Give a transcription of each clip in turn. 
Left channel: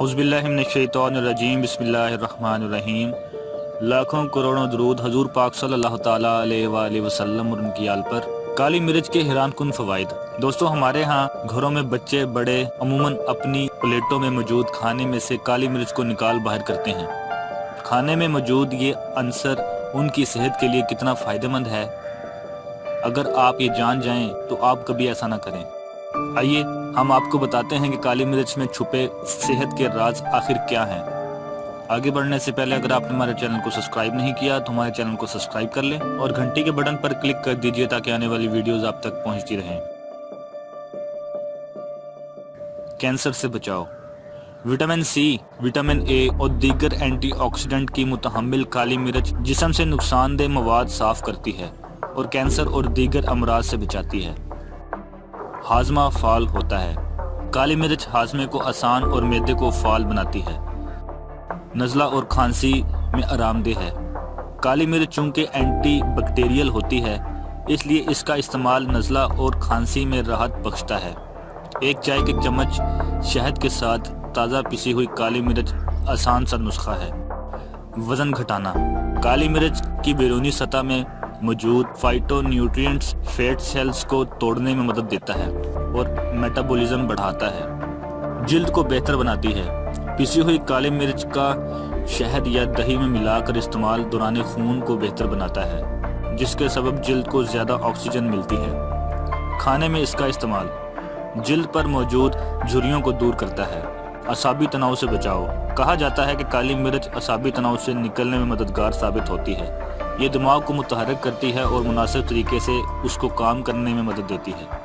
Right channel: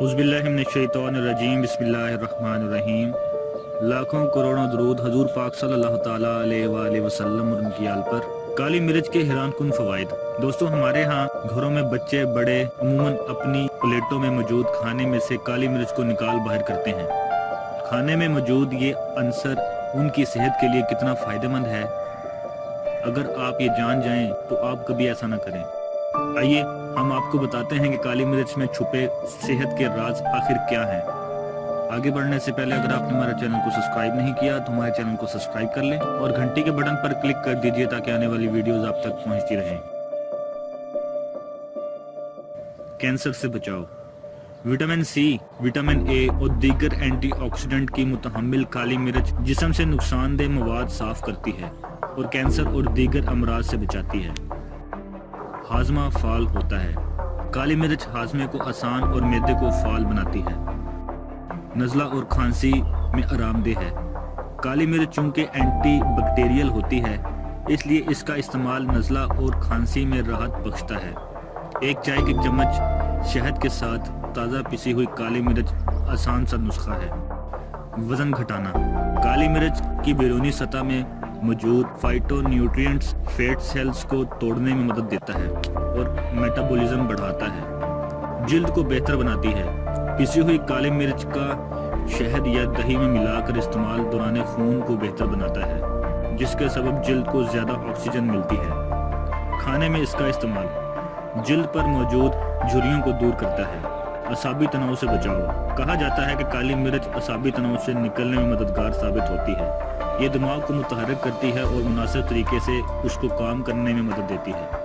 اعوذ باللہ من الشیطان الرجیم، بسم اللہ الرحمن الرحیم۔ لاکھوں کروڑوں درود حضور پاک صلی اللہ تعالیٰ علیہ وآلہ وسلم اور ان کی آل پر۔ کالی مرچ کے حیران کن فوائد۔ دوستو، ہمارے ہاں گھروں میں بچے بڑے عموماً اپنی پلیٹوں میں موجود کھانے میں سے کالی مرچ کو نکال باہر کرتے ہیں۔ کھانے میں موجود یہ عنصر ان کی صحت کے لیے کتنا فائدہ مند ہے، اگر آپ یہ جان جائیں تو آپ کبھی ایسا نہ کریں۔ آئیے ہم آپ کو بتاتے ہیں کہ کالی مرچ میں چھپے صحت کے راز آخر کیا ہیں۔ آگے بڑھنے سے پہلے اگر آپ نے ہمارے چینل کو سبسکرائب نہیں کیا تو ہمارے چینل کو سبسکرائب کر لیں اور گھنٹی کے بٹن پر کلک کر دیجئے تاکہ آنے والی ویڈیوز آپ تک پہنچتی رہیں۔ کینسر سے بچاؤ۔ وٹامن سی، وٹامن اے اور دیگر اینٹی آکسیڈنٹ کی متحمل کالی مرچ جسم سے نقصان دہ مواد صاف کرتی ہے اور کینسر اور دیگر امراض سے بچاتی ہے۔ ہاضمہ فعال ہوتا ہے۔ کالی مرچ ہاضمے کو آسان اور معدے کو فعال بناتی ہے۔ نزلہ اور کھانسی میں آرام دہ ہے۔ کالی مرچ چونکہ اینٹی بیکٹیریل ہوتی ہے، اس لیے اس کا استعمال نزلہ اور کھانسی میں راحت بخشتا ہے۔ ایک چائے کے چمچ شہد کے ساتھ تازہ پسی ہوئی کالی مرچ آسان سا نسخہ ہے۔ وزن گھٹانا۔ کالی مرچ کی بیرونی سطح میں موجود فائٹو نیوٹرینٹس فیٹ سیلز کو توڑنے میں مدد دیتا ہے اور میٹابولزم بڑھاتا ہے۔ جلد کو بہتر بناتی ہے۔ پسی ہوئی کالی مرچ کا شہد یا دہی میں ملا کر استعمال دوران خون کو بہتر بناتا ہے، جس کے سبب جلد کو زیادہ آکسیجن ملتی ہے۔ کھانے میں اس کا استعمال جلد پر موجود جھریوں کو دور کرتا ہے۔ اعصابی تناؤ سے بچاؤ۔ کہا جاتا ہے کہ کالی مرچ اعصابی تناؤ سے نکلنے میں مددگار ثابت ہوتی ہے۔ یہ دماغ کو متحرک کرتی ہے اور مناسب طریقے سے اس کو کام کرنے میں مدد دیتی ہے۔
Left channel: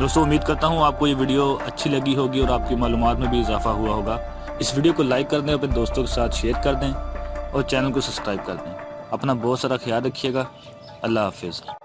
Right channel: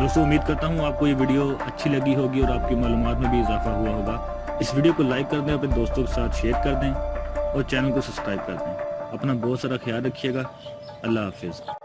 دوستو، امید کرتا ہوں آپ کو یہ ویڈیو اچھی لگی ہوگی اور آپ کی معلومات میں بھی اضافہ ہوا ہوگا۔ اس ویڈیو کو لائک کر دیں، اپنے دوستوں کے ساتھ شیئر کر دیں اور چینل کو سبسکرائب کر دیں۔ اپنا بہت سارا خیال رکھیے گا۔ اللہ حافظ۔